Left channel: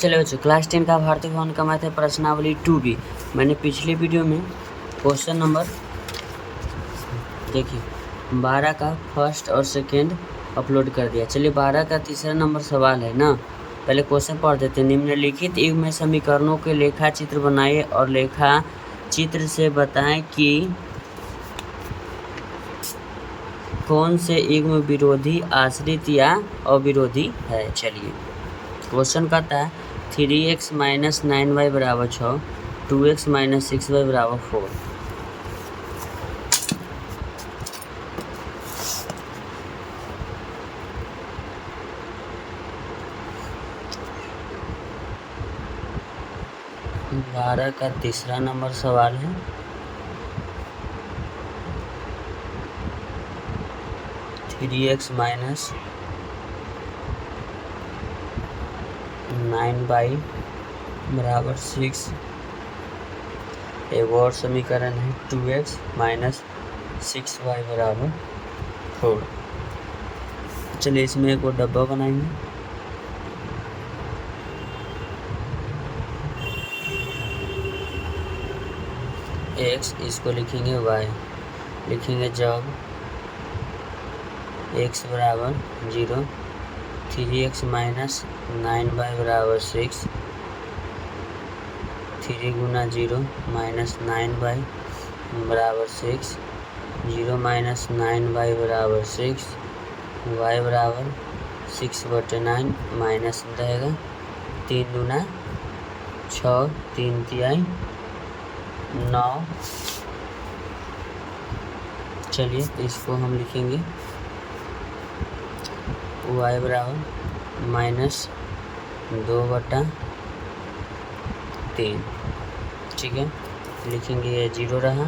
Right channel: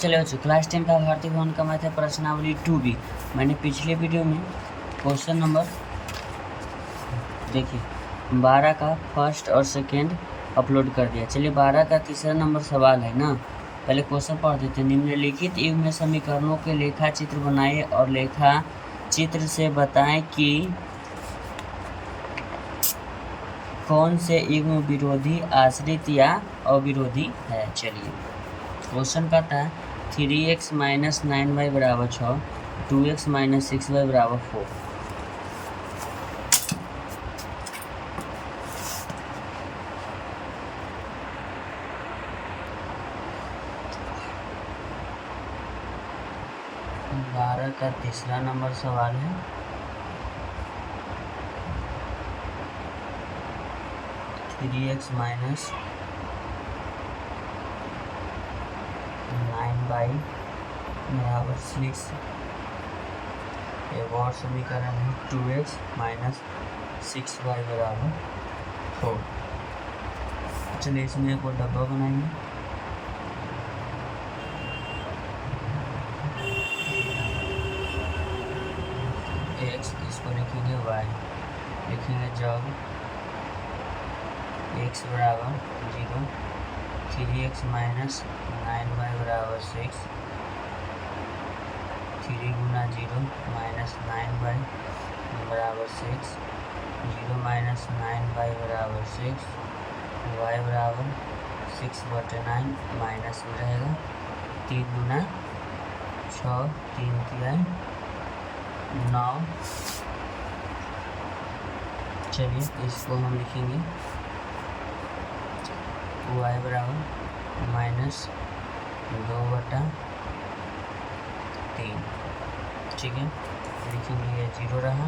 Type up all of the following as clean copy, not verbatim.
चलो बच्चों, क्लास 10 का भारतीय भवन का मैथ है प्रश्नावली 2B। मैंने पिछले वीडियो में क्वेश्चन नंबर देखिए 12 का फर्स्ट और सेकेंड अपलोड कर दिया। चलिए 12 का तीसरा नंबर सवाल है ना, पहले क्वेश्चन पढ़ देते हैं। निम्नलिखित युग में समीकरणों के लेखा चित्र बनाइए और लेखा चित्र से बताएं कि कौन से युग्म विरोधी, आश्रित या अविरोधी है। चलिए क्वेश्चन कहता है 3x - 9y बराबर 6, 2x - 6y बराबर 4। बारह का तीसरा नंबर सवाल है। थ्री एक्स माइनस 9y बराबर 6। एक और समीकरण है 2x - 6y बराबर 4। चलिए इसमें एक और डब्बा बनाएंगे। x इसको लिखेंगे y, लिखेंगे जब x बराबर 0, 3x माइनस 9y बराबर 6, 3 गुना 0 माइनस 9y बराबर 6, 0 माइनस 9y बराबर 6, y बराबर 6/9 माइनस रहेगा 3 गुना 6, 3 तिहाई 9। चलिए इसको हम लिखेंगे y बराबर -2/3। ठीक है, लिखेंगे ये 0 रहा।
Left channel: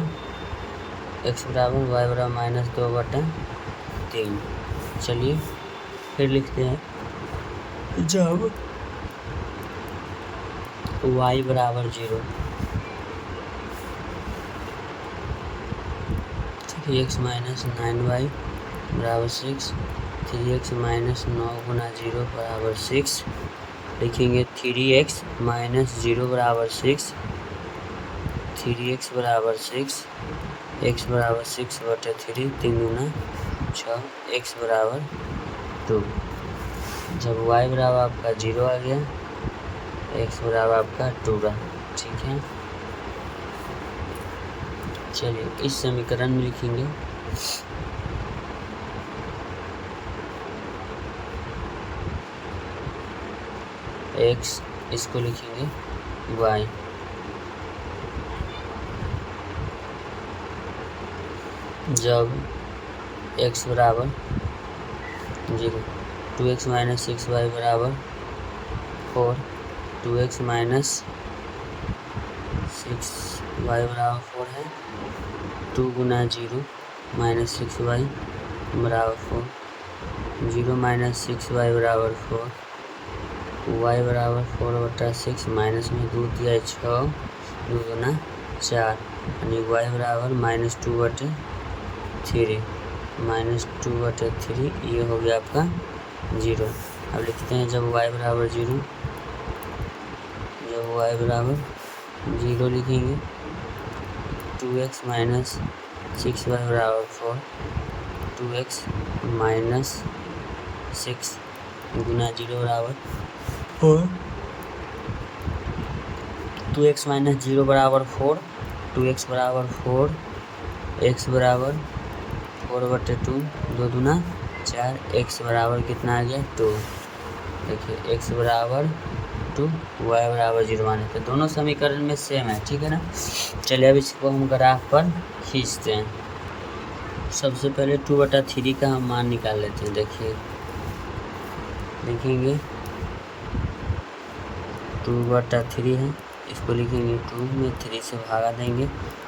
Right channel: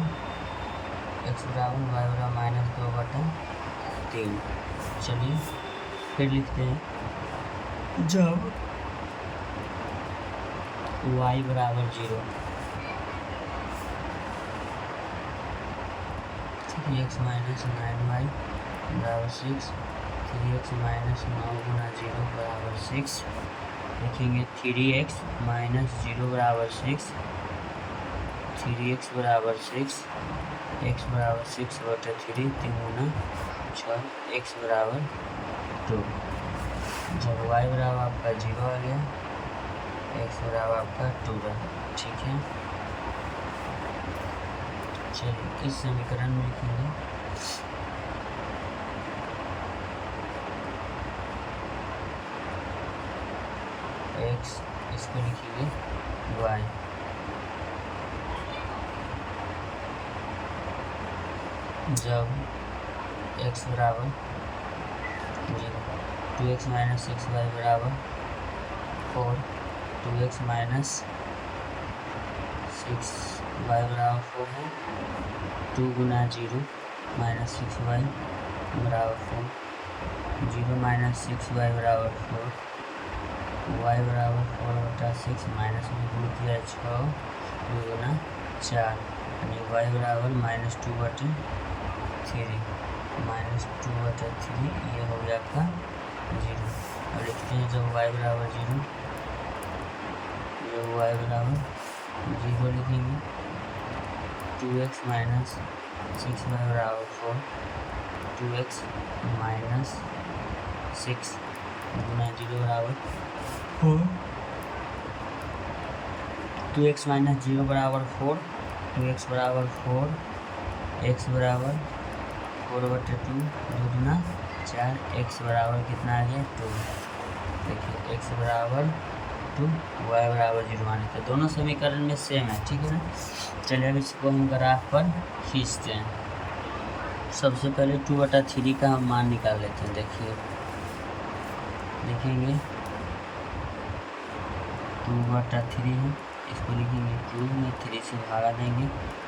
x बराबर y बराबर -2/3। चलिए फिर लिखते हैं जब y बराबर 0, 3x माइनस 9y बराबर 6, 3x माइनस 9 गुना 0 बराबर 6। लिखेंगे 3x माइनस 0 बराबर 6, 3x बराबर 6, x बराबर 6/3, 3 गुना 6, x बराबर 2। जब y बराबर आपका 0 आ गया, x बराबर आपका 2 रहा। ठीक है, चलिए इस समीकरण में लिखेंगे x, इसको लिखेंगे y। जब x बराबर 0, 2x माइनस 6y बराबर 4, 2x माइनस 6y बराबर 4 है। 2 गुना 0 माइनस 6y बराबर 4, 0 माइनस 6y बराबर 4, y बराबर 4/6 माइनस में 2 तिहाई 6, 2 गुना 4, यानी y बराबर -2/3, -2/3। ये हो गया आपका 0। अब लिखते हैं जब y बराबर 0, जब y बराबर 0 लिखेंगे 2x माइनस 6y बराबर 4, 2x माइनस 6 गुना 0 बराबर 4, 2x माइनस 0 बराबर 4, 2x बराबर 4, x बराबर 4/2, 2 दूना 4, x बराबर कितना आ गया 2। देखिए x बराबर 2, y बराबर 0 आने पे दोनों समीकरण में सेम है। ठीक है ना। चलिए अब इसको हम ग्राफ पर खींचते हैं। सबसे पहले 2/3 का हम मान निकाल लेते हैं। देखिए लिखेंगे 2/3 है, इसको लिखेंगे 2 में 3 से भागा देंगे,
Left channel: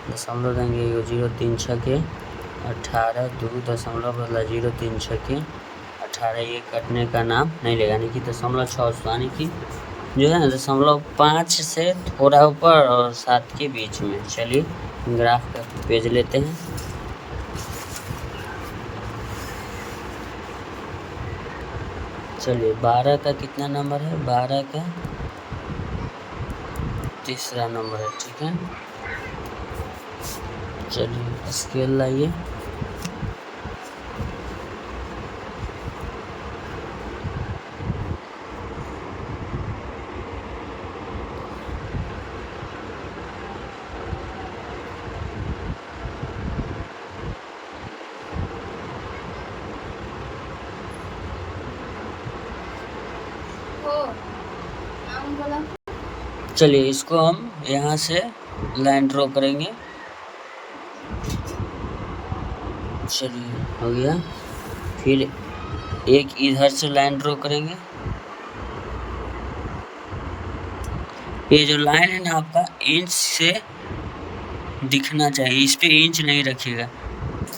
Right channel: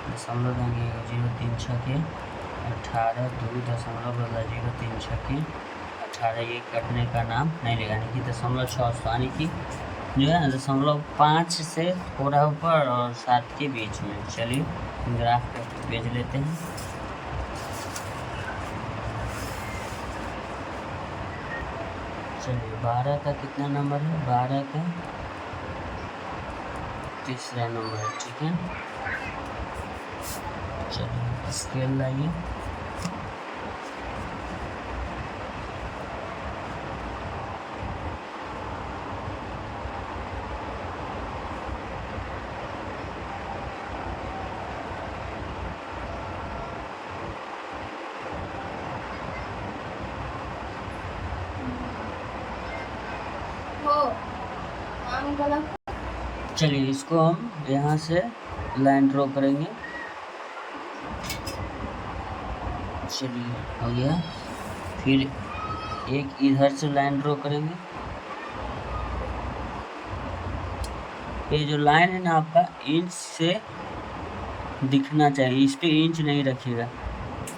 दशमलव देंगे 0 3 6 18, 2 दशमलव बदला 0 3 6 18। ये कटने का नाम नहीं लेगा, यानी कि 0.6 यानी कि जो है ना 0.5 से थोड़ा ऊपर और 7 के बीच में। चलिए ग्राफ का पेज लेते हैं। चलिए 12 का कितना नंबर है, 12 का तीसरा नंबर है, ठीक है। चलिए स्केल लाइए। चलिए इसको हम यहाँ से लाइन ड्रॉ करेंगे। चलिए हो गया। फिर एक इधर से लाइन ड्रॉ करेंगे। ये जो लाइन है ना आपका इंच से दिखना चाहिए, इस पे इंच नहीं रखिएगा,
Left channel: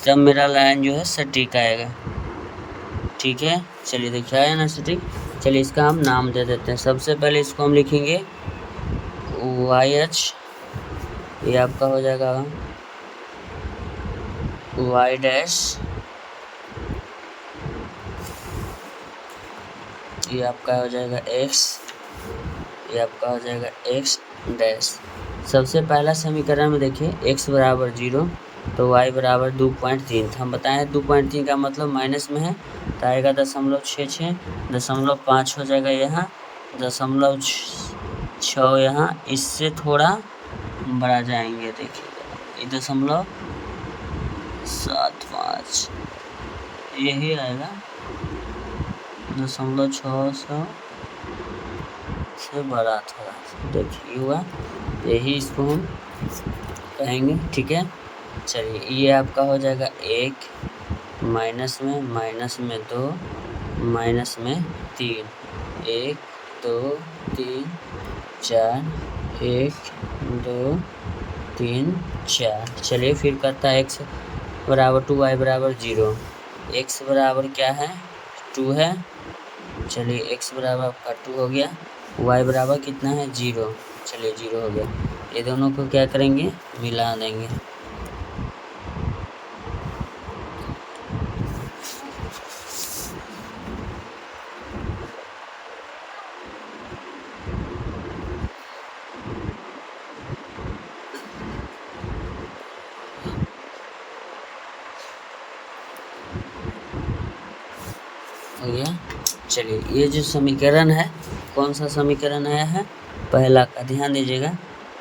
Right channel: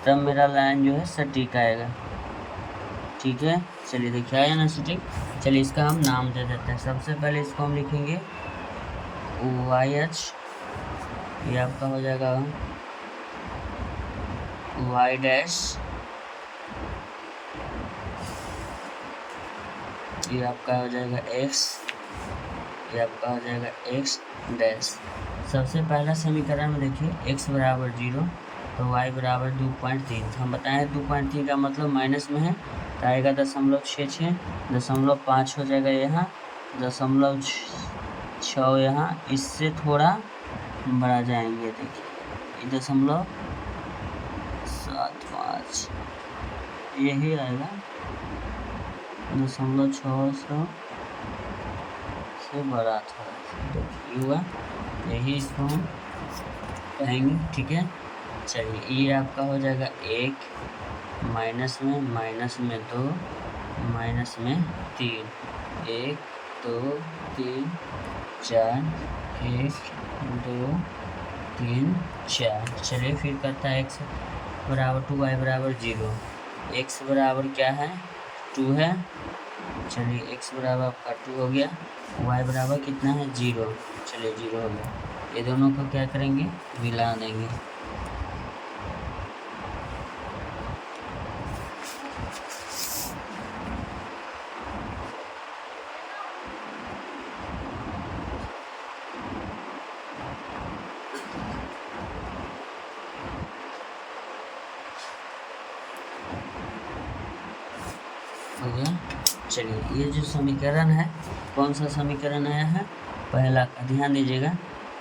तब मेरा लाइन जो है सटीक आएगा, ठीक है। चलिए देखिए आया ना सटीक। चलिए इसका हम नाम दे देते हैं। सबसे पहले इसको हम लिखेंगे YH, ये आपका हो जाएगा Y डैश, ये आपका हो जाएगा X, ये आपका हो जाएगा X डैश। सबसे पहला समीकरण में देखिए x बराबर 0 तो y बराबर 2.3। हम बताएं 2.3 का मतलब माइनस में है तो आएगा 0.66, 0.5 हो जाएगा यहाँ, 0.6 यहाँ, इससे थोड़ा बढ़ा जाएंगे, देखिए 0.75 यही आएगा, 0.6 से बड़ा था, देखिए हुआ, यही इसको हम कहेंगे, ठीक है। चलिए ये आपका हो जाएगा 1, माइनस में 2, माइनस में 3, 1 2 3 4, 1 2 3 4। चलिए फिर करता है x बराबर 2, y बराबर 0। x बराबर क्या है 2 है। चलिए x बराबर आपका 2 हो गया, y बराबर कितना है 0। चलिए 0 हो गया। ये दोनों को क्या करेंगे मिला देंगे। हो गया। चलिए ये जो समीकरण है कौन सा समीकरण आया है पहला का, ध्यान दीजिएगा।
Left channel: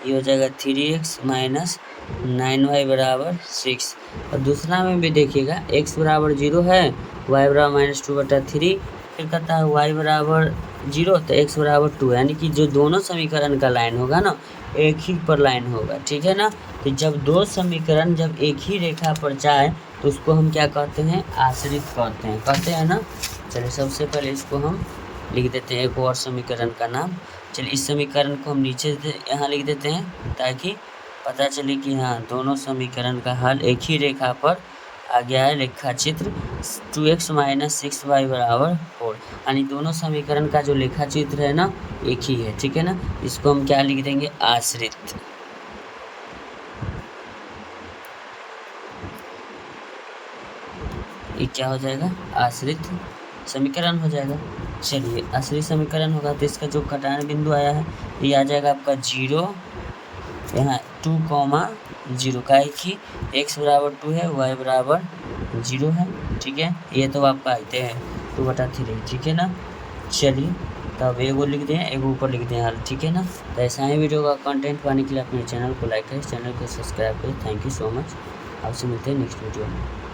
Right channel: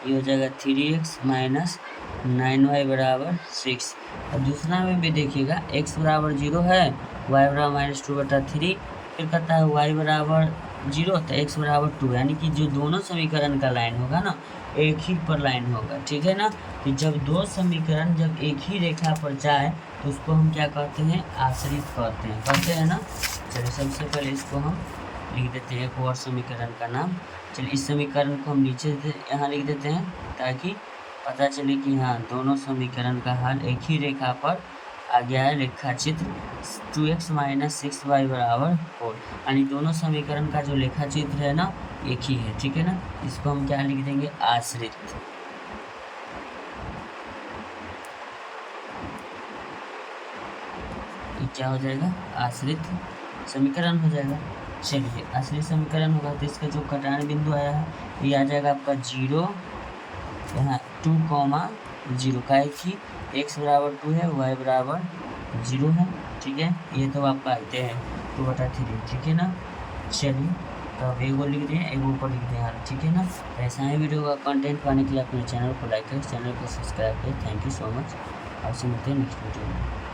ये हो जाएगा 3x माइनस 9y बराबर 6। और दूसरा में भी देखिएगा x बराबर 0 है, y बराबर -2/3, फिर कहता है y बराबर 0 तो x बराबर 2, यानी कि जो दोनों समीकरण का लाइन होगा ना एक ही पर लाइन होगा, ठीक है ना। तो जब दो समीकरण जब एक ही रेखा पर जाए तो उसको हम क्या कहते हैं आश्रित कहते हैं ना। चलिए सबसे पहले इसको हम लिख देते हैं एक और समीकरण का नाम। चलिए इस समीकरण को हम नीचे यहाँ लिख देते हैं ताकि पता चले कि हाँ दोनों समीकरण का हल एक ही रेखा पर आ गया है। रेखा चित्र 2x माइनस 6y बराबर 4, यानी दोनों समीकरण का जो रेखा चित्र है ना एक ही है, ठीक है ना। इसको हम क्या लिख देंगे आश्रित। ये क्या हो जाएगा आश्रित समीकरण हो जाएगा। चलिए आश्रित समीकरण होगा तो इसका जो कटान बिंदु आया है ये आ जाएगा आपका 0, यहाँ 2,0 का है कि x बराबर 2 है, y बराबर 0 है, ठीक है। ये तो आप पाते हैं 2/3, ठीक है ना। चलिए तो अब एगो लिख दें एगो ऊपर लिख दें हल, ठीक है ना। तो ऐसा ही वीडियो का कंटेंट पाने के लिए अपने चैनल को लाइक करें, चैनल को सब्सक्राइब करें। Thank you so much. आपसे मिलते हैं नेक्स्ट वीडियो में।